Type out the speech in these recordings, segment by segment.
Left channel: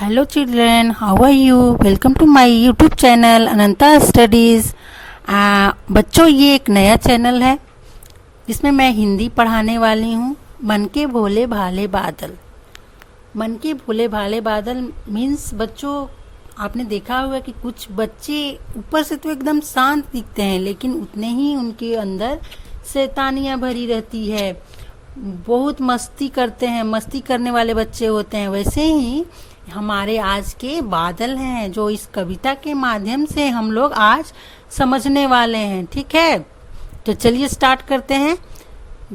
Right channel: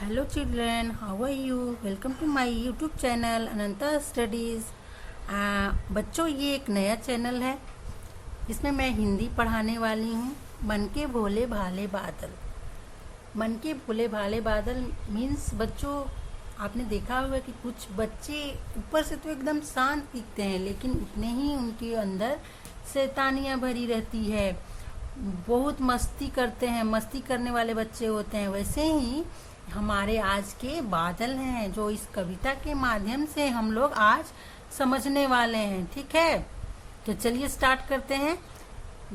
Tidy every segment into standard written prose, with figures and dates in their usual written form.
Hello children, how are you? Welcome to my YouTube channel Ananta studies. बच्चों, ये एक नया चैनल है जिसमें मैं हिंदी पढ़ाने वाली हूँ। मन के भोले भाले बादल। मन के भोले भाले बादल मीन्स बच्चों, आपने देखा होगा कि कुछ बच्चे ऊपर से तो एकदम शांत दिखते हैं, लेकिन उतने ही उनके अंदर शैतानियाँ भरी रहती है। बहुत मस्ती करते हैं, मस्ती करने वाले बच्चे होते हैं। वैसे ही हमारे आज के बादल हैं, जो इस कविता के माध्यम से हम लोग आज समझने वाले हैं। ठीक है, तो चलिए स्टार्ट करते हैं।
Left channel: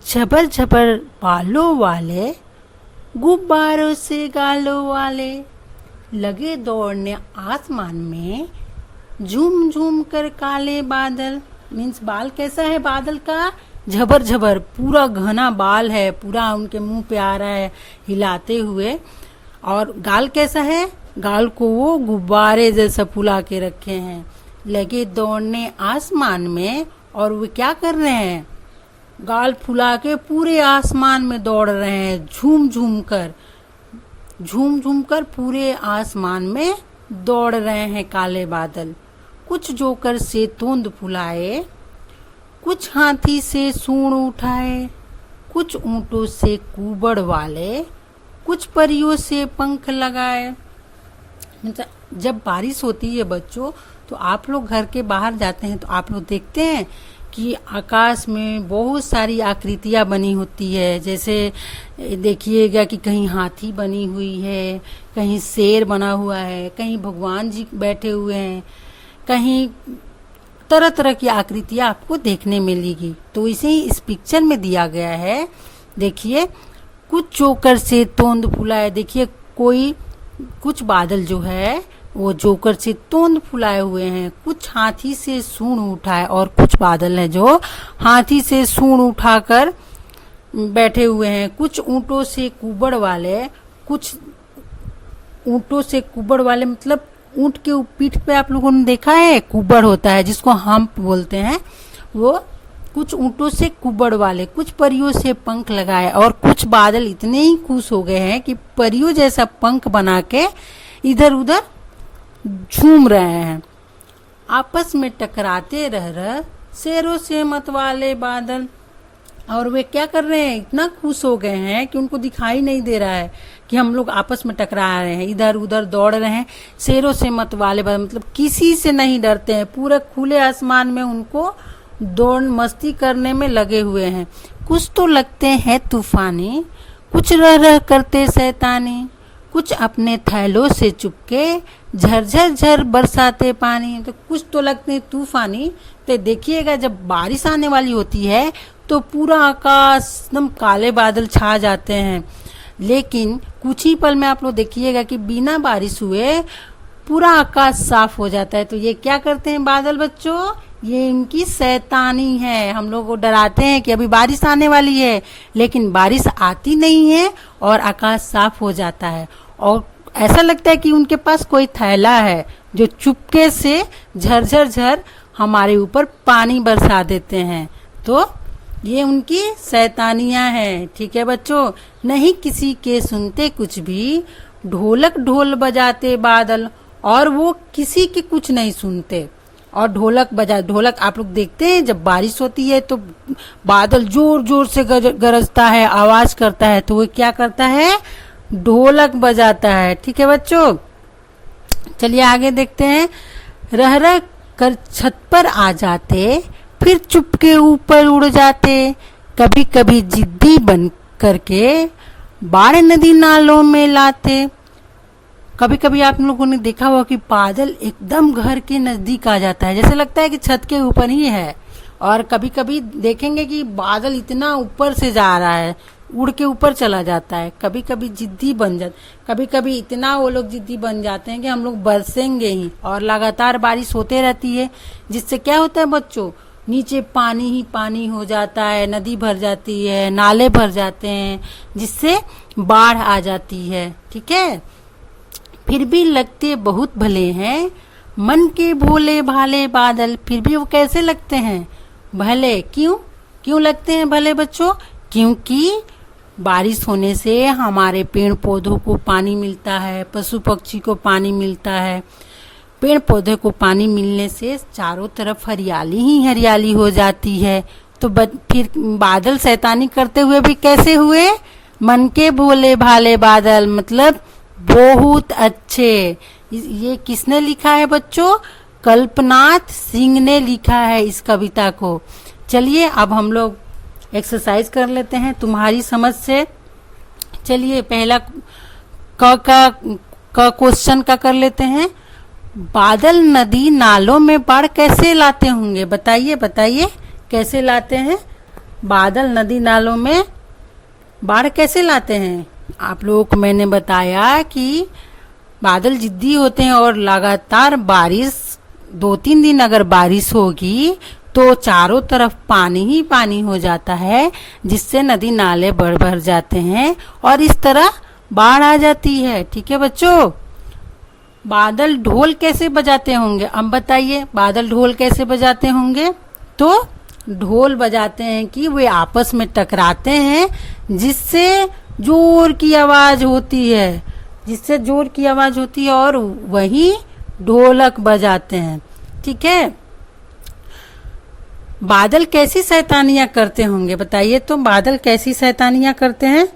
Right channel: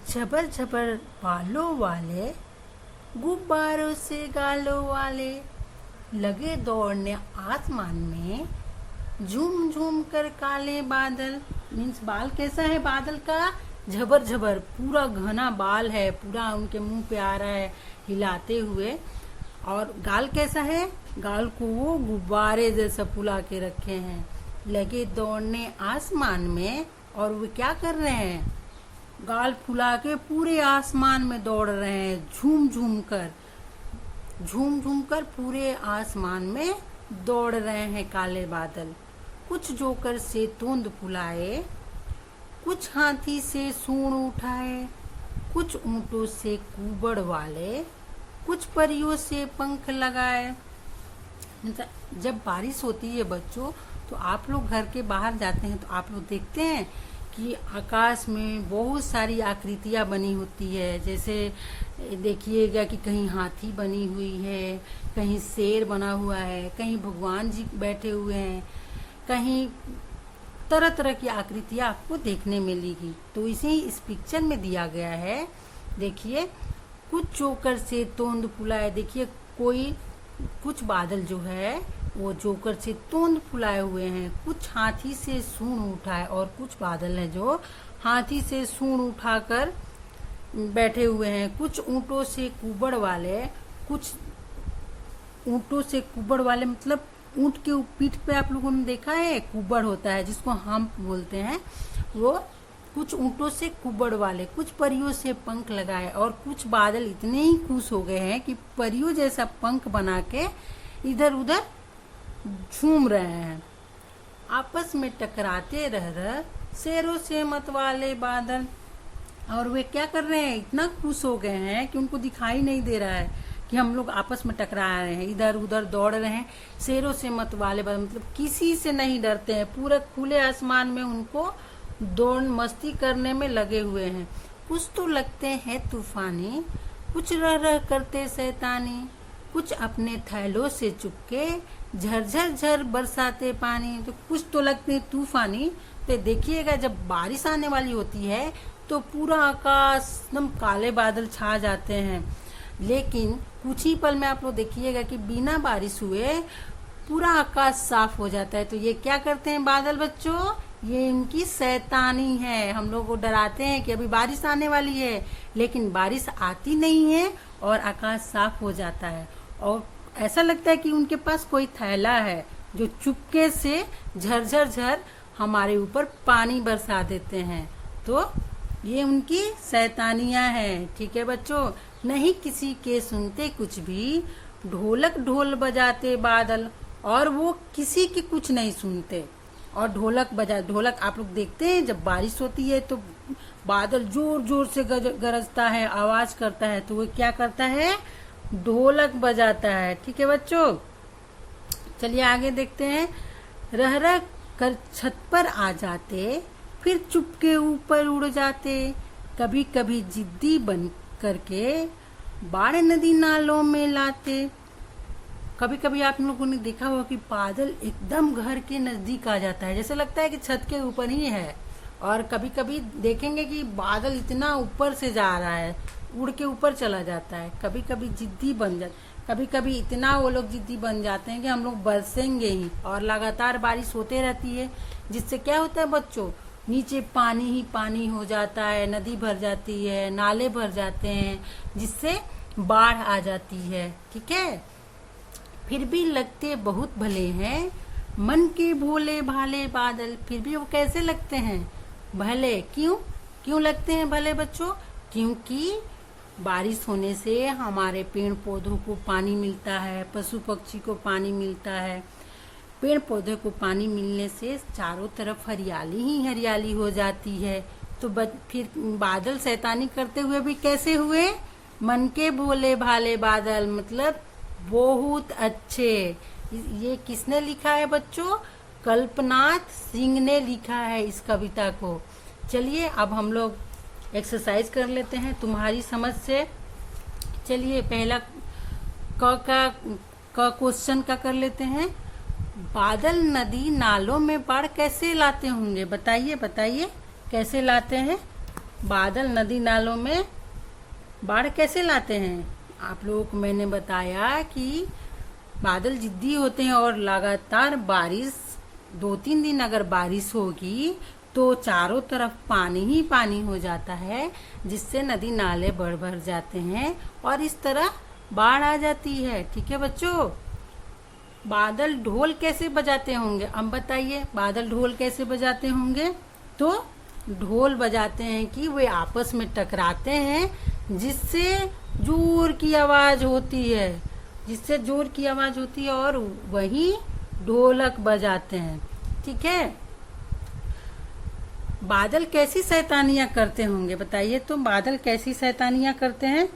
झबर झबर बालों वाले, गुब्बारों से गालों वाले, लगे दौड़ने आसमान में, झूम झूम कर काले बादल। मीन्स बाल कैसा है बादल का? झबर झबर, पूरा घना बाल है, पूरा उनके मुंह पे आ रहा है हिलाते हुए। और गाल कैसा है? गाल को वो गुब्बारे जैसा फुला के रखे हैं। लगे दौड़ने आसमान में, और वो क्या कर रहे हैं? गाल फुला के पूरे आसमान में दौड़ रहे हैं, झूम झूम कर पूरे आसमान में दौड़ रहे हैं काले बादल। कुछ जोकर से तोंद फुलाए, कुछ हाथी से सूंड उठाए, कुछ ऊंटों से कुबड़ वाले, कुछ परियों से पंख लगाए। जब बारिश होती है बच्चों, तो आप लोग घर के बाहर जाते हैं तो आप लोग देखते हैं कि आकाश में बहुत सारी आकृतियाँ बनी होती है। जैसे देखिएगा कि कहीं हाथी बनी हुई है, कहीं शेर बना हुआ है, कहीं भगवान जी बैठे हुए हैं, कहीं तरह तरह की आकृतियाँ आपको देखने मिलेगी। तो इसे ही इस पिक्चर में दिया गया है। देखिए, कुछ जोकर से तोंद फुलाए। देखिए, कुछ बादल जो है वो जोकर से तोंद फुलाए हुए हैं, कुछ हाथी से सूंड उठाए, और कुछ बादल है जो हाथी से सूंड उठाकर बैठे हुए हैं। कुछ ऊंटों से कुबड़ वाले, कुछ ऊंटों से कुबड़ वाले मतलब ऊंट के पीठ पे आप लोगों ने देखा है कुबड़ होता है, जिसको हम्प बोलते हैं। वो कुछ ऊंटों से कुबड़ वाले, कुछ परियों से पंख लगाए, और कुछ बादल इतने ही खुश हो गए हैं कि परियों जैसा पंख बना के इधर उधर झूम रहे हैं। आपस में टकराते रह शेरों से मत वाले बादल। और वे क्या कर रहे हैं? इतना खुश हो गए हैं कि उनको दिखाई नहीं दे रहा है कि हम लोग आपस में टकरा रहे हैं, इधर उधर दौड़ रहे हैं। शेरों से मत वाले बादल मतलब किसी से नहीं डरते हैं, पूरे खुले आसमान में उनको दौड़ मस्ती करने में लगे हुए हैं। कुछ तो लगते हैं तूफानी, कुछ रह करते शैतानी, कुछ अपने थैलों से चुपके झरझर झर बरसाते पानी। तो कुछ तो लगते हैं तूफानी। तो देखिएगा, जब बारिश आने वाली होती है तो पूरा आकाश एकदम काले बादल छा जाते हैं, लेकिन कुछ ही पल में आप लोग देखिएगा कि बिना बारिश हुए पूरा आकाश साफ हो जाता है। तो ये क्या करते हैं बादल बच्चों? ये इनकी शैतानी है। हम लोग को डराते हैं कि अभी बारिश आने वाली है, लेकिन बारिश आती नहीं है और आकाश साफ हो जाता है। और ऐसा लगता है कि उनके पास कोई थैला है जो चुपके से झरझर झर हमारे ऊपर पानी बरसा देते हैं। तो ये उनकी शैतानियाँ हैं। ठीक है बच्चों, नहीं किसी के सुनते कुछ भी, ढोलक ढोल बजाते बादल, और वो किसी के कुछ नहीं सुनते। और ढोलक आप लोग देखते हैं, जब बारिश होती है तो बादल जोर जोर से गरजता है, आवाज करता है, तो वो क्या करता है? ढोलक बजाता है। ठीक है बच्चों, चलिए आगे देखते हैं। रह रह कर छत पर आ जाते, फिर चुपके ऊपर उड़ जाते, कभी कभी जिद्दी बन करके बाढ़ नदी नालों में लाते। कभी कभी आप लोगों ने देखा होगा कि बादल एकदम घर के नजदीक आ जाता है, जैसे लगता है कि छत के ऊपर ही है। और कभी कभी देखेंगे कि बादल इतना ऊपर से जा रहा है, उड़ के ऊपर चला जाता है। कभी कभी जिद्दी बन जाता, कभी कभी इतना वो लोग जिद्दी बन जाते हैं कि हम लोग बरसेंगे ही, और लगातार बारिश होते रहती है, जिससे क्या होता है बच्चों? नीचे पानी ही पानी हो जाता है, नदी भर जाती है, नाले भर जाते हैं, जिससे बाढ़ आ जाती है। ठीक है, फिर भी लगते बहुत भले हैं मन के भोले भाले बादल। फिर भी वो कैसे लगते हैं? भले। क्यों लगते हैं भले बच्चों? क्योंकि बारिश होने से हमारे पेड़ पौधों को पानी मिलता है, पशु पक्षी को पानी मिलता है। पेड़ पौधे को पानी मिलने से चारों तरफ हरियाली ही हरियाली हो जाती है। तो फिर बादल शैतानी करते हुए भी कैसे हुए? मन के भोले भाले बादल, मतलब बहुत अच्छे। ये किसने लिखा है बच्चों? कल्पनाथ सिंह ने लिखा है इस कविता को। चलिए अब हम लोग एक्सरसाइज कर लेते हैं तुम्हारी समझ से। चलिए पहला क क्वेश्चन का कर लेते हैं। बादल नदी नालों में बाढ़ कैसे लाते होंगे? बताइए बताइए कैसे लाते हैं? बादल नदी नालों में बाढ़ कैसे लाते हैं? आप लोगों को मैंने बताया कि बादल जिद्दी होते हैं और लगातार बारिश 2-3 दिन अगर बारिश होगी तो चारों तरफ पानी ही पानी हो जाता है, जिससे नदी नाले बढ़ भर जाते हैं और इस तरह बाढ़ आ जाती है। ठीक है बच्चों। बादल ढोल कैसे बजाते होंगे? अब बताइए बादल ढोल कैसे बजाते होंगे? तो ढोल बजाते हैं कि वे आपस में टकराते हैं, जिससे जोर की आवाज होती है, और वही ढोलक बजाते हैं। ठीक है। बादल कैसी शैतानियां करते होंगे? बताइए तो बादल कैसी शैतानियां करते हैं?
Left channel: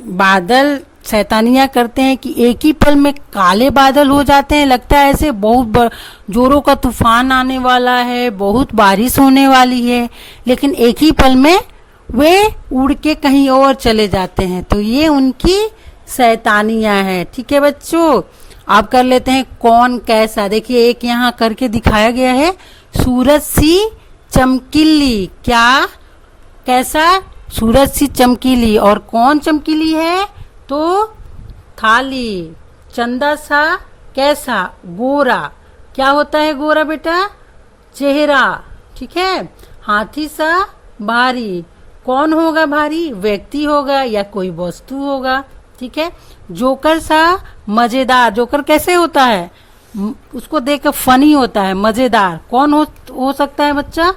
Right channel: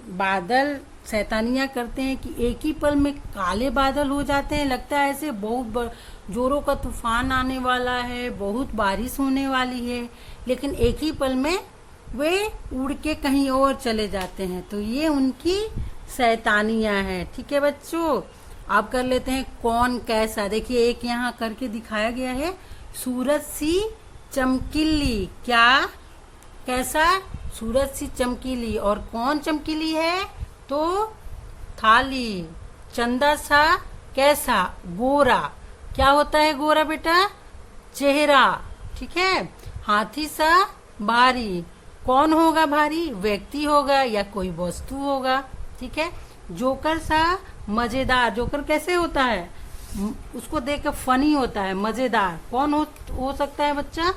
बादल शैतानियां करते हैं कि एक ही पल में काले बादल हो जाते हैं। लगता है ऐसे बहुत जोरों का तूफान आने वाला है, बहुत बारिश होने वाली है, लेकिन एक ही पल में वे उड़ के कहीं और चले जाते हैं। तो ये उनकी शैतानियां हैं। ठीक है बच्चों। आप कर लेते हैं कौन कैसा। देखिए एक यहाँ करके दिखाया गया है, सूरज सी चमकीली। क्या? कैसा? सूरज सी चमकीली। और कौन चमकीली है? तो थाली। चंदा सा कैसा? गोरा। क्या होता है गोरा बेटा? चेहरा। ठीक है। हाथी सा भारी। कौन होगा भारी? व्यक्ति होगा या कोई वस्तु होगा। ठीक है। जोकर सा मजेदार। जोकर कैसे होता है? उसको देख कर फनी होता है, मजेदार। कौन हो सकता है बच्चा?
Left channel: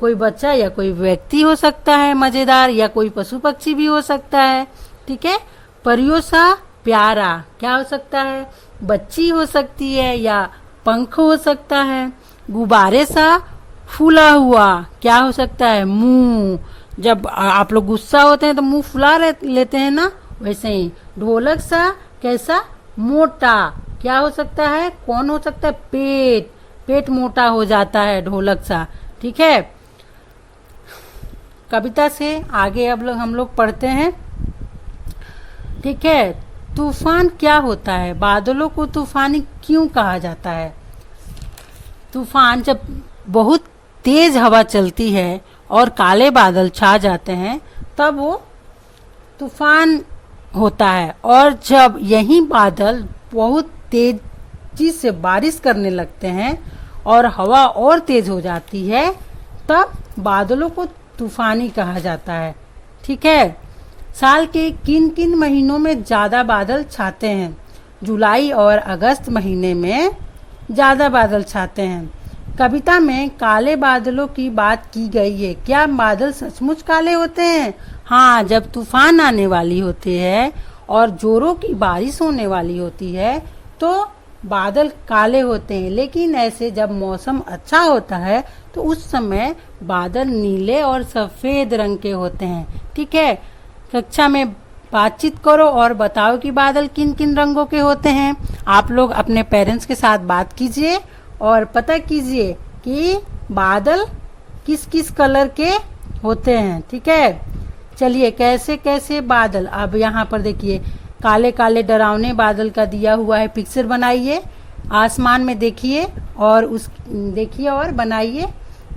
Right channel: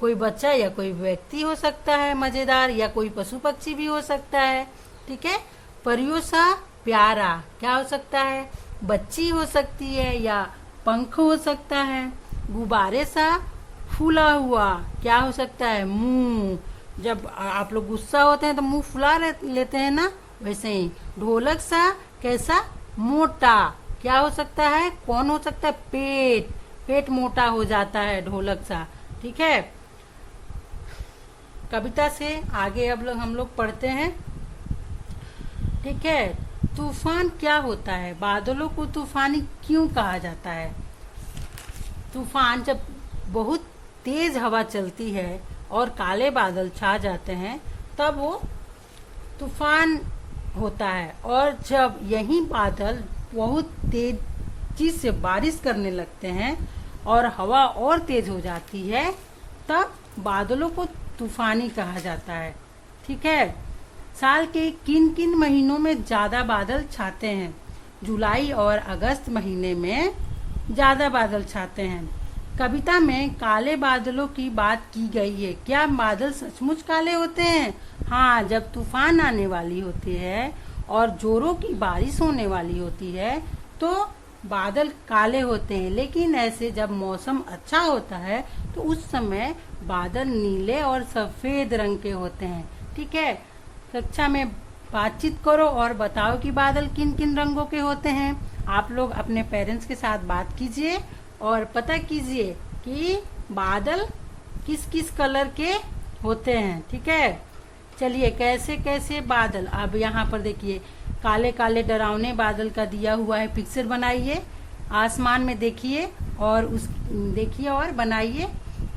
कोई बच्चा या कोई व्यक्ति हो सकता है मजेदार, या कोई पशु पक्षी भी हो सकता है। ठीक है। परियों सा प्यारा। क्या हो सकता है? बच्ची हो सकती है या पंख हो सकता है। गुब्बारे सा फूला हुआ। क्या हो सकता है? मुंह। जब आप लोग गुस्सा होते हैं तो मुंह फुला लेते हैं ना, वैसे ही। ढोलक सा कैसा? मोटा। क्या हो सकता है? कौन हो सकता है? पेट मोटा हो जाता है ढोलक सा। ठीक है। कविता से आगे अब हम लोग पढ़ते हैं। ठीक है। तूफान क्या होता है? बादलों को तूफानी क्यों कहा जाता है? तूफान जब बहुत तेज हवा चलती है और काले बादल छा जाते हैं तब वो तूफान होता है। और जब यही बादल बहुत तेजी से बारिश करने लगते हैं और हवा और तेज हो जाती है तब बादलों को तूफानी कहा जाता है। ठीक है। साल के किन किन महीनों में ज्यादा बादल छाते हैं? जुलाई और अगस्त महीने में ज्यादा बादल छाते हैं। कविता में काले बादलों की बात की गई है। क्या बादल सचमुच काले होते हैं? हाँ, जब तूफान आने वाली होती है और जोरों की बारिश होने वाली होती है तो बादल काले होते हैं। लेकिन ऐसे जब मौसम अच्छा होता है तो उस समय बादल नीले और सफेद रंग के होते हैं। ठीक है। कक्षा में बातचीत करो और बताओ कि बादल किन किन रंगों के होते हैं। आप लोग अपने पेरेंट्स के साथ बात कीजिए और पता कीजिए कि बादल किस किस कलर के होते हैं। ठीक है। चलिए कैसे कैसे बादल। अब यहाँ पर देखिए काले काले डरावने बादल का दिया हुआ है, पिक्चर बनाइए। आसमान में देखिए और बनाइए।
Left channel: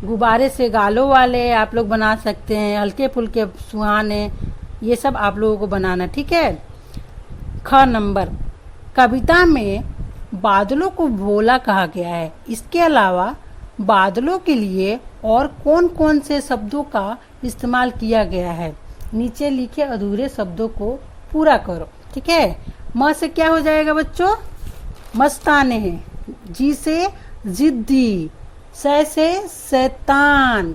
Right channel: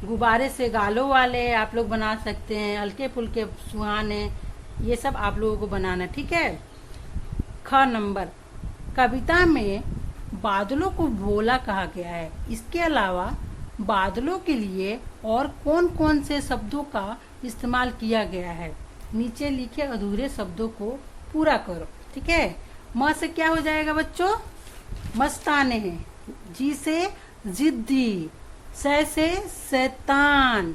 गुब्बारे से गालों वाले आप लोग बना सकते हैं, हल्के फुल्के सुहाने, ये सब आप लोगों को बनाना। ठीक है। ख नंबर, कविता में बादलों को भोला कहा गया है। इसके अलावा बादलों के लिए और कौन कौन से शब्दों का इस्तेमाल किया गया है? नीचे लिखे अधूरे शब्दों को पूरा करो। ठीक है। म से क्या हो जाएगा बच्चों? मस्ताने। जी से जिद्दी। से शैतान।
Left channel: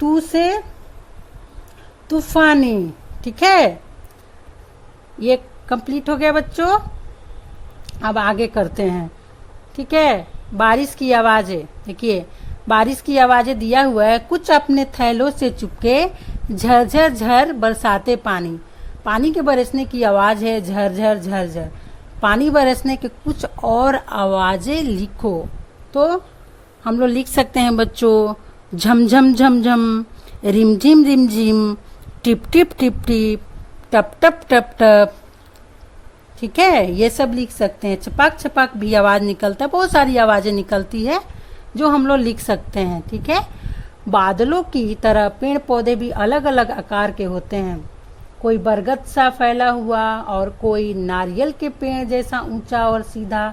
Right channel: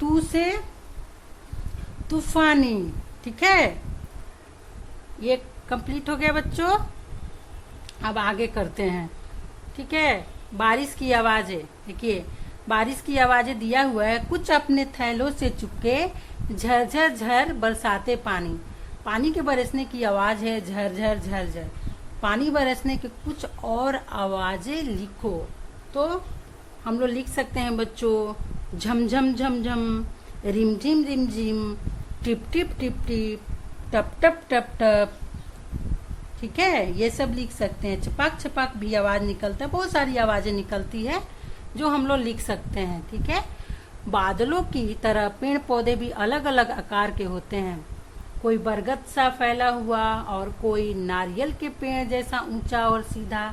तू से तूफानी। ठीक है, ये कंप्लीट हो गया बच्चों। अब आगे करते हैं। ठीक है, बारिश की आवाजें। देखिए, बारिश की आवाजें दिया हुआ है। कुछ अपने थैलों से चुपके झरझर झर बरसाते पानी। पानी के बरसने की आवाज है झरझर झरझर। पानी बरसने के कुछ और आवाजें लिखो। तो हम लोग लिख सकते हैं बच्चों, झमझम झमझम, रिमझिम रिमझिम, टिप टिप टिप टिप, टप टप टप टप। ठीक है, ये सब लिख सकते हैं। छपाक छपाक भी आवाज निकलता है। बहुत सारी आवाजें निकलती है जो हम लोग लिख सकते हैं। ठीक है, बादलों की तरह पेड़ पौधे भी अलग अलग आकार के होते हैं। कोई बरगद सा फैला हुआ और कोई नारियल के पेड़ जैसा ऊंचा और सीधा।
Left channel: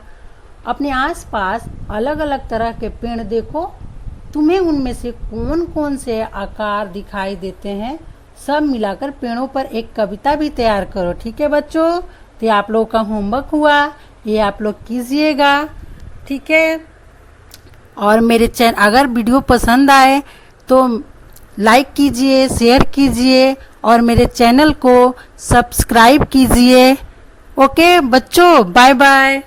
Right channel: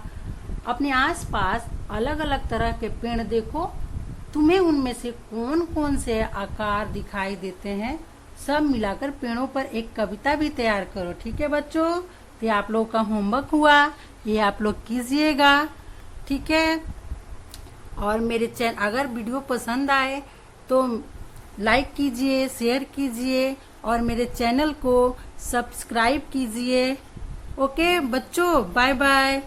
अपने आसपास अलग अलग तरह के पेड़ देखो। तुम्हें उनमें से कौन कौन से आकार दिखाई देते हैं, सब मिलाकर पेड़ों पर एक कविता भी तैयार करो। ठीक है बच्चों, तो आप लोगों का होमवर्क हुआ, ये आप लोग कीजिएगा। ठीक है, और मेरे चैनल अगर वीडियो पसंद आए तो लाइक कीजिए, शेयर कीजिए और मेरे चैनल को सब्सक्राइब कीजिए। ओके बच्चों, बाय बाय।